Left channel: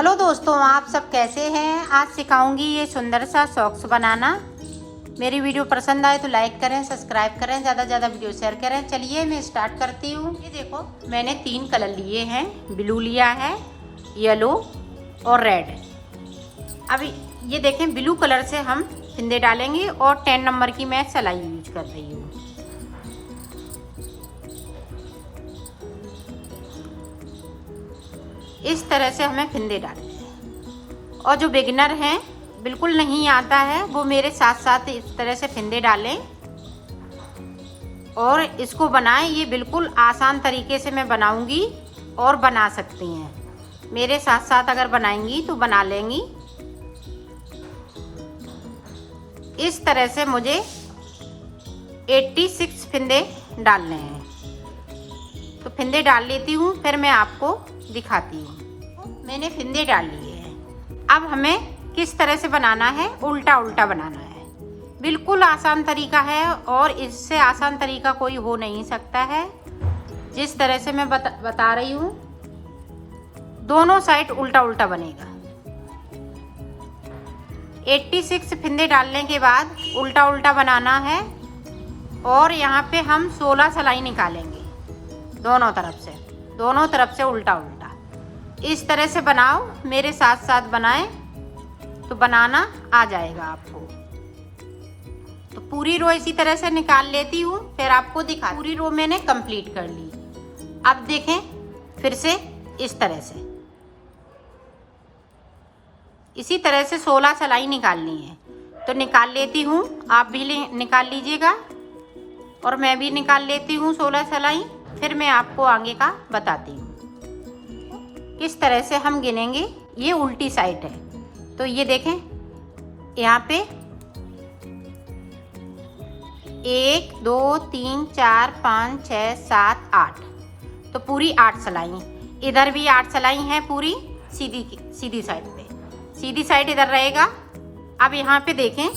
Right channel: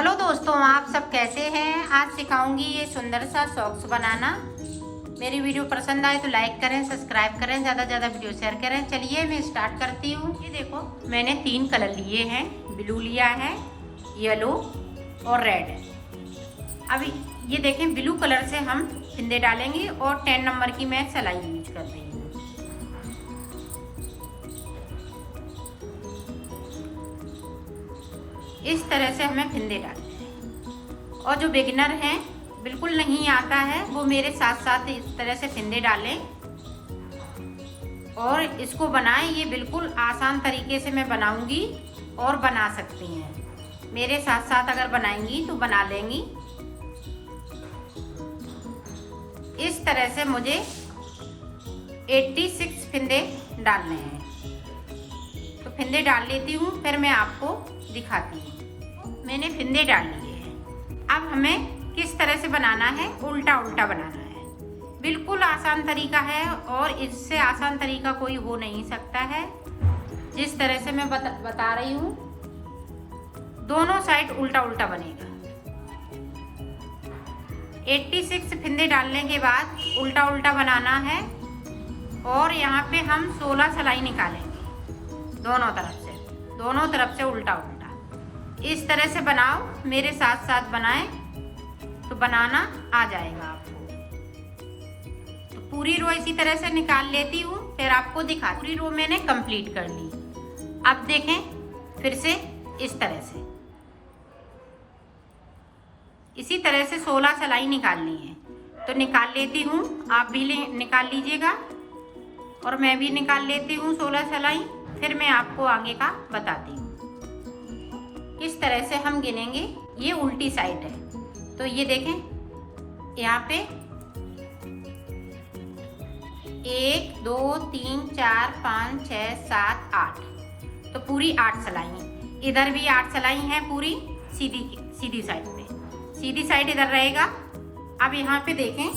Hello दोस्तों, आप सब कैसे हैं। आज सिखाऊंगी ये सुंदर सा सॉक्स बनाना। मेरी वीडियो पसंद आए तो लाइक करें, सब्सक्राइब करें, ज़्यादा से ज़्यादा वीडियो शेयर करें। चलिए मैं स्टार्ट करती हूँ। ये देखो, मैंने 3 कलर लिए हैं। ब्लू लिया है, येलो और रेड। अब ये देखें, ब्लू कलर से हम फिंदे डालेंगे और 10 नंबर की मैं सिलाई यूज कर रही हूँ। इस तरह से हमें फिंदे डालने हैं। और जो बिगिनर हैं, बिल्कुल नहीं आता है, वो मेरे साथ साथ इस तरह से फिंदे डालें और इसको बनाएं। ये बिल्कुल आसान तरीके से मैं बनाऊंगी और बना सकती हैं। मेरे साथ साथ अगर बनाएंगी तो बना लेंगी। इस तरह से मुझे 86 फिंदे डालने हैं। तो फिंदे डाल लेती हूँ, फिर मैं आपको दिखाती हूँ। मैंने फिंदे डाल लिए हैं। अब हमें किस तरह से बनाना है, उल्टा उल्टा बनाना है। बिल्कुल आसान तरीका है और इससे आसान तरीका कोई हो नहीं सकता है। जिस तरह से मैं बता रही हूँ, दोनों साइड उल्टा उल्टा बनेगा। 86 फिंदे डालने के बाद उल्टा उल्टा बनाना है और यहाँ पे हम 16 सिलाई निकालेंगे दोनों तरफ से उल्टा उल्टा। इस तरह से बनाओ, मेरे साथ साथ बनाएं तो बनाना आ जाएगा आपको। तो पूरी रो इसी तरह से निकाल लेती हूँ, फिर आपको दिखा। पूरी रो मैंने कंप्लीट कर ली। अब देखें, फिर से इस तरह से इसी तरह से 16 सिलाई निकालनी है। तो निकाल लेती हूँ, आप भी निकाल लीजिएगा और मैं भी निकाल लेती हूँ 16 सिलाई। फिर मैं आपको आगे का बताती हूँ। किस तरह से हम गिनेंगे। ये उल्टी साइड है, तो ये देखें, यहाँ पे 1 2 3 4 5 6 7 8, तो पूरी 8 सिलाई। इधर भी 8 सिलाई है पूरी सीधी साइड पे। सीधी साइड इधर रहेगा। अब यहाँ पे देखें,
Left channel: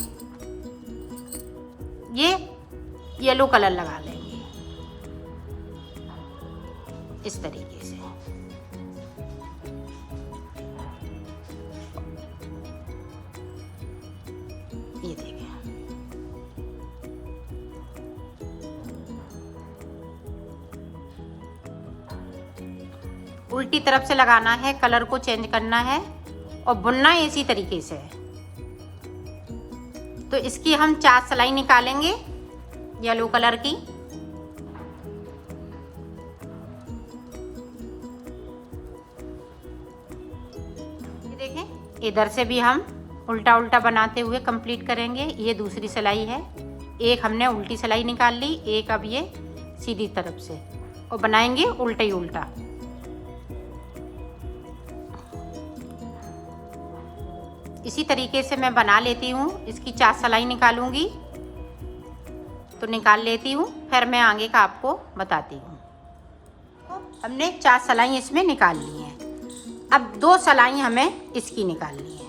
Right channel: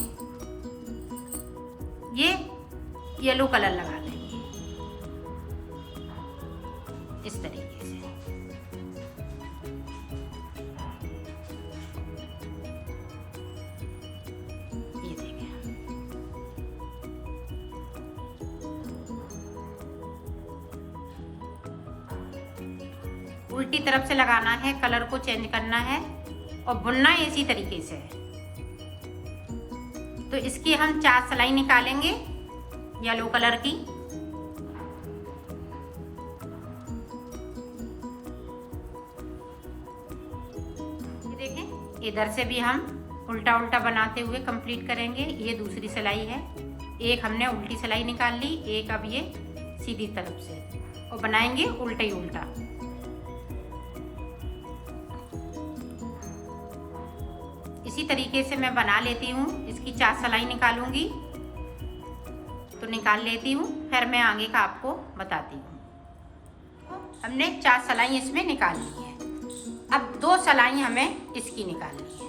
ये येलो कलर लगा देंगे इस तरीके से। ये देखिए, उल्टी तरफ से लगाना है, कलर को चेंज करना है और बुनना इसी तरीके से है। तो इसकी हम 4 सिलाई निकालेंगे येलो कलर की। देखें, इधर से भी हम उल्टा उल्टा बनाते हुए कंप्लीट करेंगे। ये दूसरी सिलाई है। एक हमने उल्टी सिलाई निकाल ली, एक अब ये सीधी तरफ से, और बनाएंगे उल्टा ही उल्टा। इसी तरीके से मैं बना लेती हूँ। इसकी 4 सिलाई निकालूंगी, तो निकाल लेती हूँ, फिर मैं आगे का आपको बताती हूँ। हमने 4 सिलाई इसमें निकाल ली है। अब 2 सिलाई हमें इसकी निकालनी है,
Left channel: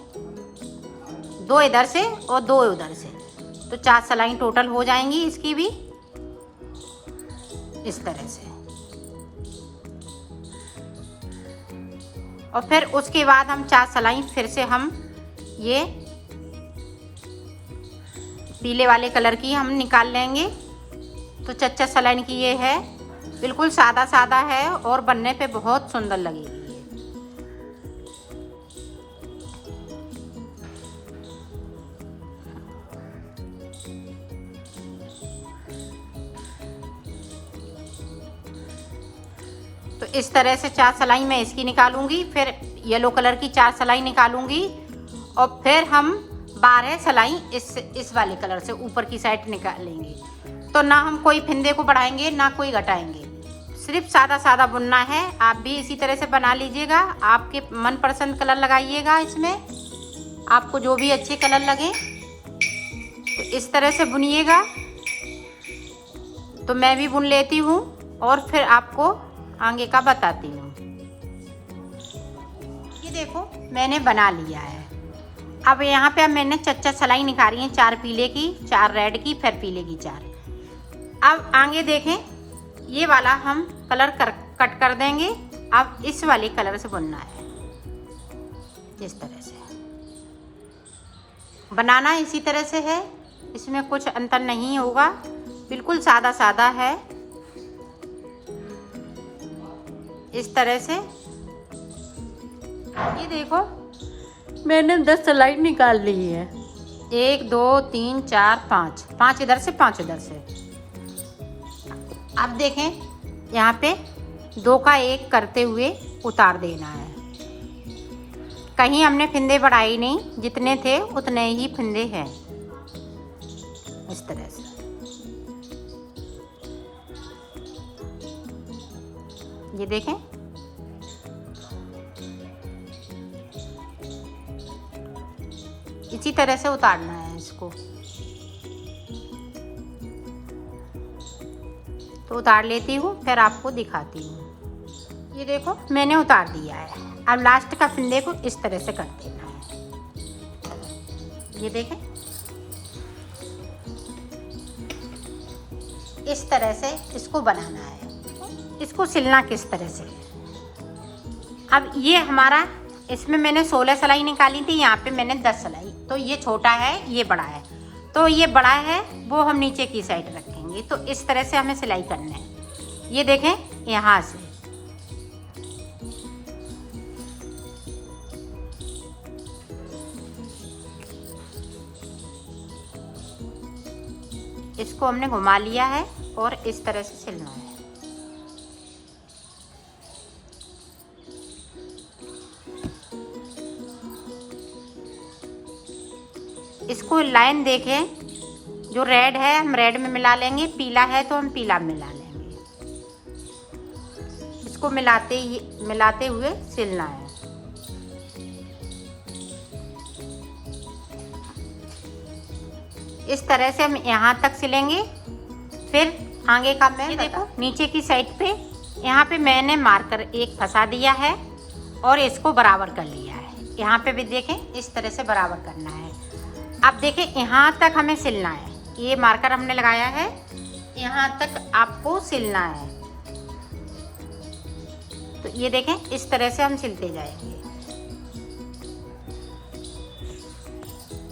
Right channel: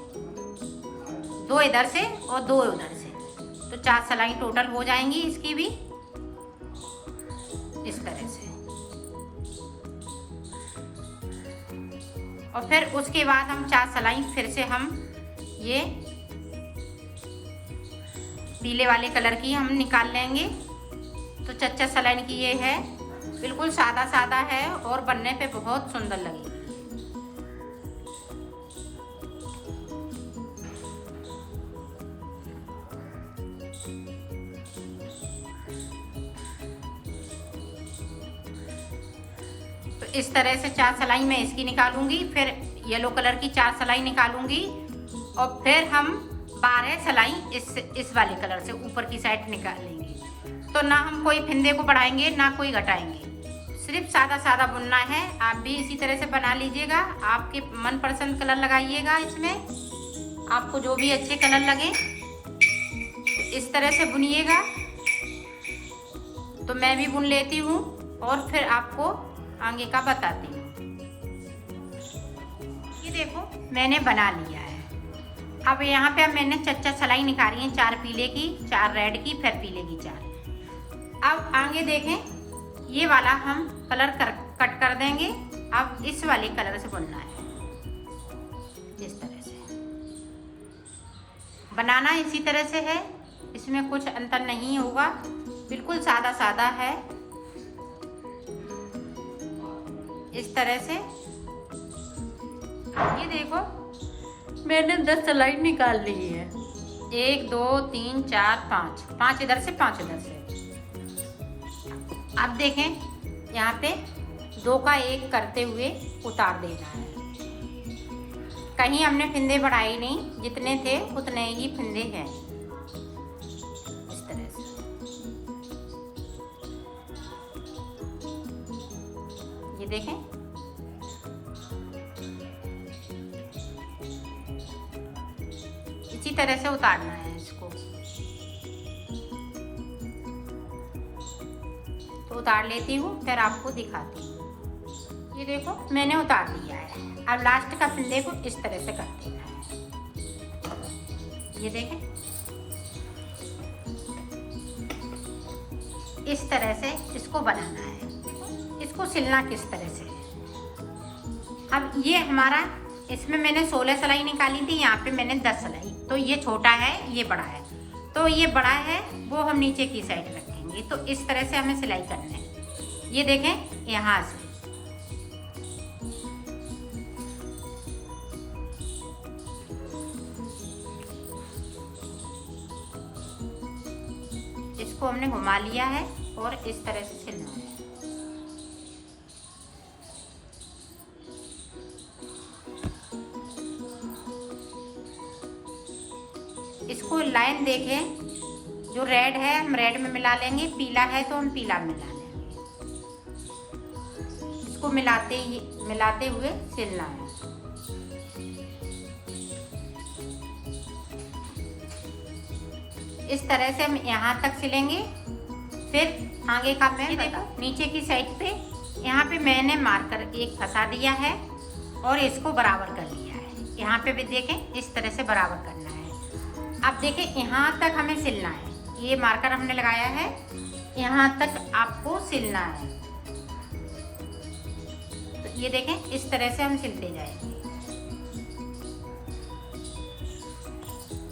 2 इधर से और 2 उधर से, तो 4 सिलाई टोटल हो जाएंगी इसकी भी इस तरह से। और फिर उसके बाद हम 4 सिलाई फिर से हम ये पीले वाले कलर की हम निकाल लेंगे। तो 4 सिलाई की ये है। बिल्कुल सादा सादा है और बनने पे बहुत सुंदर लगेगी। तो इस तरह से 4 सिलाई मैं इसकी निकालूंगी, फिर येलो कलर की 4 सिलाई निकालूंगी और फिर हम 12 सिलाई इस वाले कलर से ऊपर की साइड निकालेंगे। तो ना हम कोई फिंदे को बढ़ाएंगे ना कोई घटाएंगे, सिर्फ सादा सादा बुनना है। आप भी इसी तरह से बना लीजिएगा। आपके मनपसंद कलर लगाइएगा इसमें, आपको जो भी अच्छे कलर लगे तो इस तरह से बुनिएगा। तो मैं भी बुन लेती हूँ और फिर आपको आगे का बताती हूँ। ये देखो, मैंने बना लिया है। अब यहाँ पे मैंने 4 सिलाई निकाली है, 4 पीले की, 4 रेड की, फिर पीले की 4। अब आगे देखें, ये वाला हम कलर कट कर देंगे। अब इस वाले कलर से बुनना है। इस तरह से बनाना इसी तरह से है, इसमें कुछ अंतर नहीं होगा, बिल्कुल सादा सादा है। इस तरह से ये देखो मैंने 10 सिलाई निकाल ली है। 1 2 3 4 5 इधर से 5 इधर से। अब देखें यहाँ पे 2 का 1 करते हुए उतार देना है। कहीं हमने फिंदे बढ़ाई नहीं, जितने थे उतने ही फिंदे हैं। इस तरह से ये देखें, इसी तरह से उतारना है इसको। तो उतार लेती हूँ, फिर आपको दिखाती हूँ। ये देखो मैंने उतार दिया है। अब लास्ट का फिंदे को इस तरह से कर देना है। ये देखें, इस तरह से इसको बनाना है। इसको सिलना किस तरह से। अब ये हमारा, इसमें मैंने 16 सिलाई निकाली थी, यहाँ पे मैंने 10 सिलाई। तो ये छोटा है, ये बड़ा है। तो ये बड़ा है वो हम नीचे की साइड रखेंगे। तो इस तरह से हमें सिलाई करना है। ये देखें यहाँ से इसको हमने घुमा लिया है और इस तरह से सिलना है। इसको लाइन देखें, जो रेड है हम रेड में मिला लेंगे, पीला है तो हम पीला में मिला लेंगे। इसको मिलाते हुए सिलना है। इस तरह से हम यहाँ तक सिलेंगे। फिर आगे का मैं देखो नीचे की साइड पे, यहाँ पे मैंने मार्कर एक फंसा दिया है और इसको बराबर कर लिया है। यहाँ पे भी देखें इस तरह से बराबर करना है। अब देखें यहाँ तक हमें सिलना है। ये मार्कर हमने लगाया है, यहाँ तक आपको सिलना है। तो ये देखें इस तरह से हम सिलते जाएंगे।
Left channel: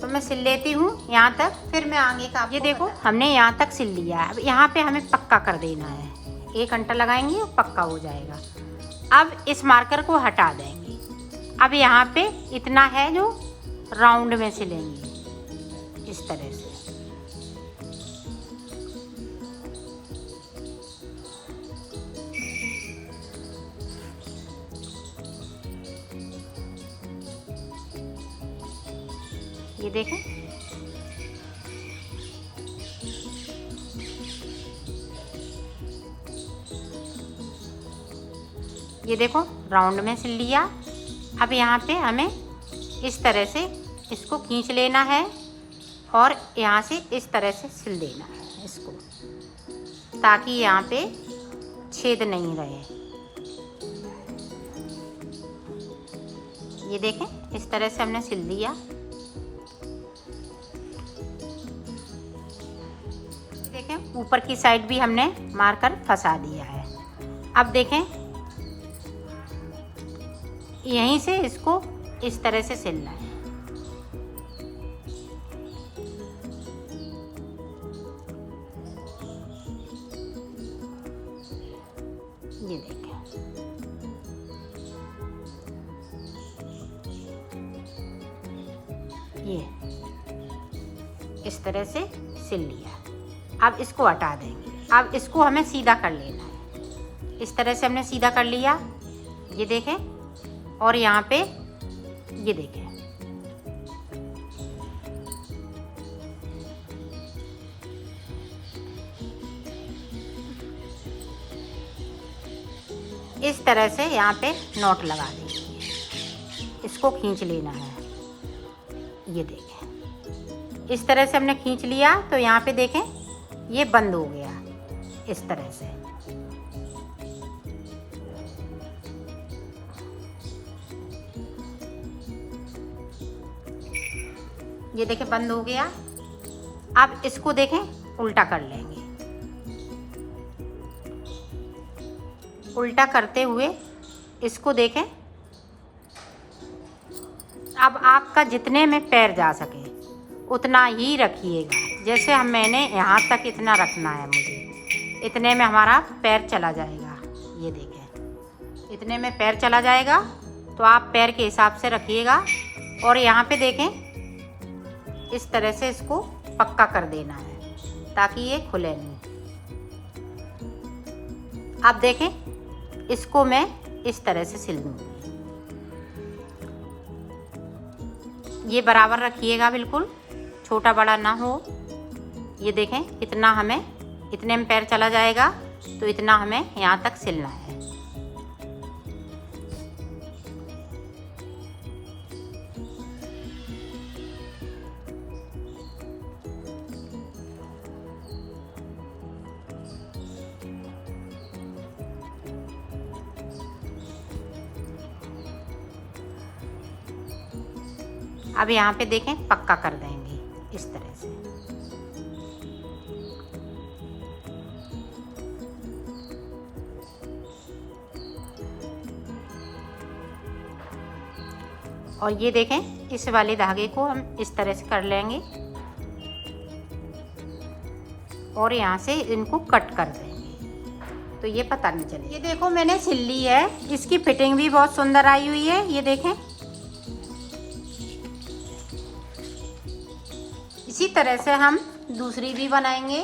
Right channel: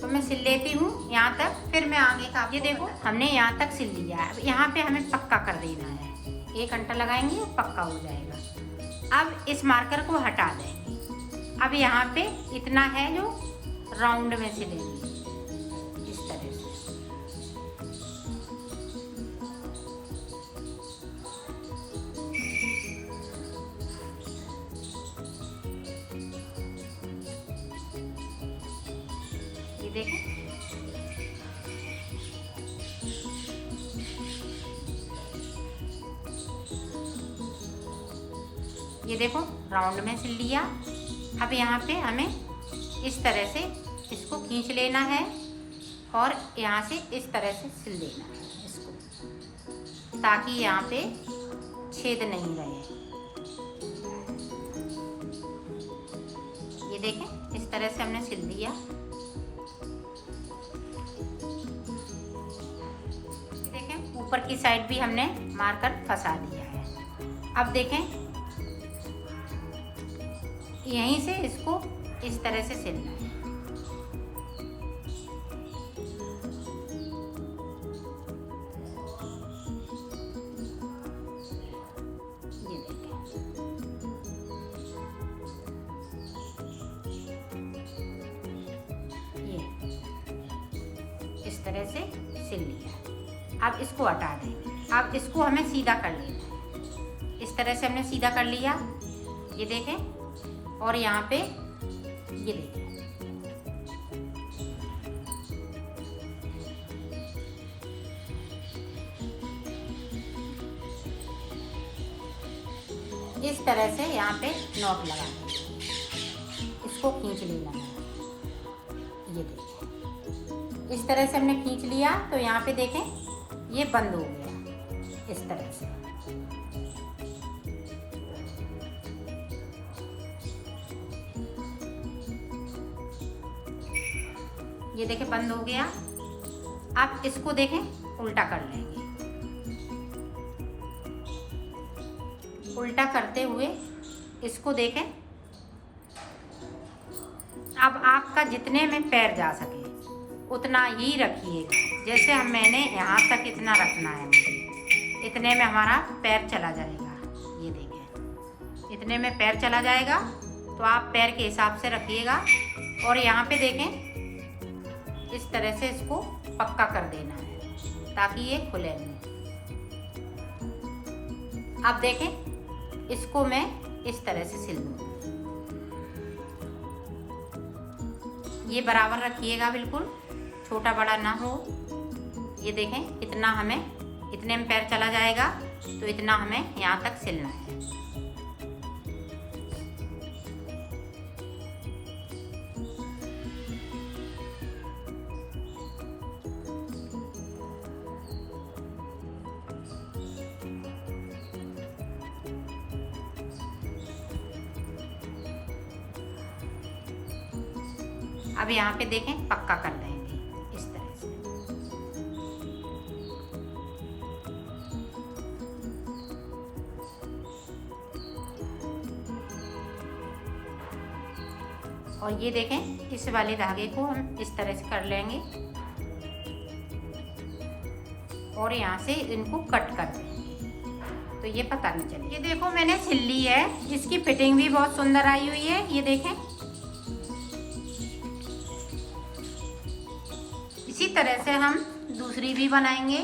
तो मैं सिल लेती हूँ यहाँ तक, फिर मैं आगे का। ये देखो हमने यहाँ तक सिल लिया। अब यहाँ पे हमें पक्का कर देना है। 1 घंटा लगाएंगे और पक्का हो जाएगा। अब इस मार्कर को हटा देंगे। अब यहाँ पे इतना है जो राउंड में सिलेंगे इस तरह से। ये देखें ये देखो राउंड में सिल लिया। अब यहाँ पे हमें इस तरह से इसको खींच लेना है और यहाँ से इस तरह से सिल देना है इसको, ताकि यहाँ पे छेद नहीं रहे। ये देखें इस तरह से हमने सिल दिया। देखें ऊपर की साइड भी हमने मार्कर फंसा दिया है। अब देखें यहीं से इसको इस तरह से सिलना है। ये देखिए ये इस तरह से सिल लिया। अब इसको हटा देंगे। अब इसको हमें सीधा कर लेना है। इस तरह से हमने सीधा कर लिया। ये देखें, और यहाँ पे ये देखें इस तरह से यहाँ पे नॉट लगा देंगे। इसको खींच लेना है। ये देखें इस तरह से हमने खींच लिया। तो यहाँ पे देखें ये बंद हो गया इस तरह से। ये देखें बंद हो गया। अब इसको देखें उल्टा कर लेंगे। उल्टा करते हुए इसको देखें अब आपका जितने में पैर जा सके उतना ही रखिएगा। जैसे मैंने यहाँ तक इतना रखना है, मुझे इतने में हमारा पैर चला जाएगा। ये देखें, इतने में पैर चला जाएगा, तो आप पैर के हिसाब से रखिएगा। और यहाँ पे देखें, इस तरह से इसको पक्का कर देना है ताकि ये खुले नहीं। आप देखें, इसको मैं इस तरह से सिल दूँगी। ये बराबर रखिएगा, बिल्कुल छोटा बड़ा ना हो। ये देखें, इतना हमें, इतने में पैर चला जाएगा, तो इतना हमें यहाँ तक सिलना है। अब यहाँ पे देखें, पक्का कर देंगे इस तरह से। और ये देखें, इस वाले धागे को हम इस तरह से कर लेंगे और यहाँ से इनको कट कर देंगे, तो ये पता नहीं चले। ये देखो, मैंने सिल ली है। इसकी फिटिंग भी बहुत सुंदर आई हुई है। ये देखें, इसी तरह से हम दूसरी भी बनाएंगे।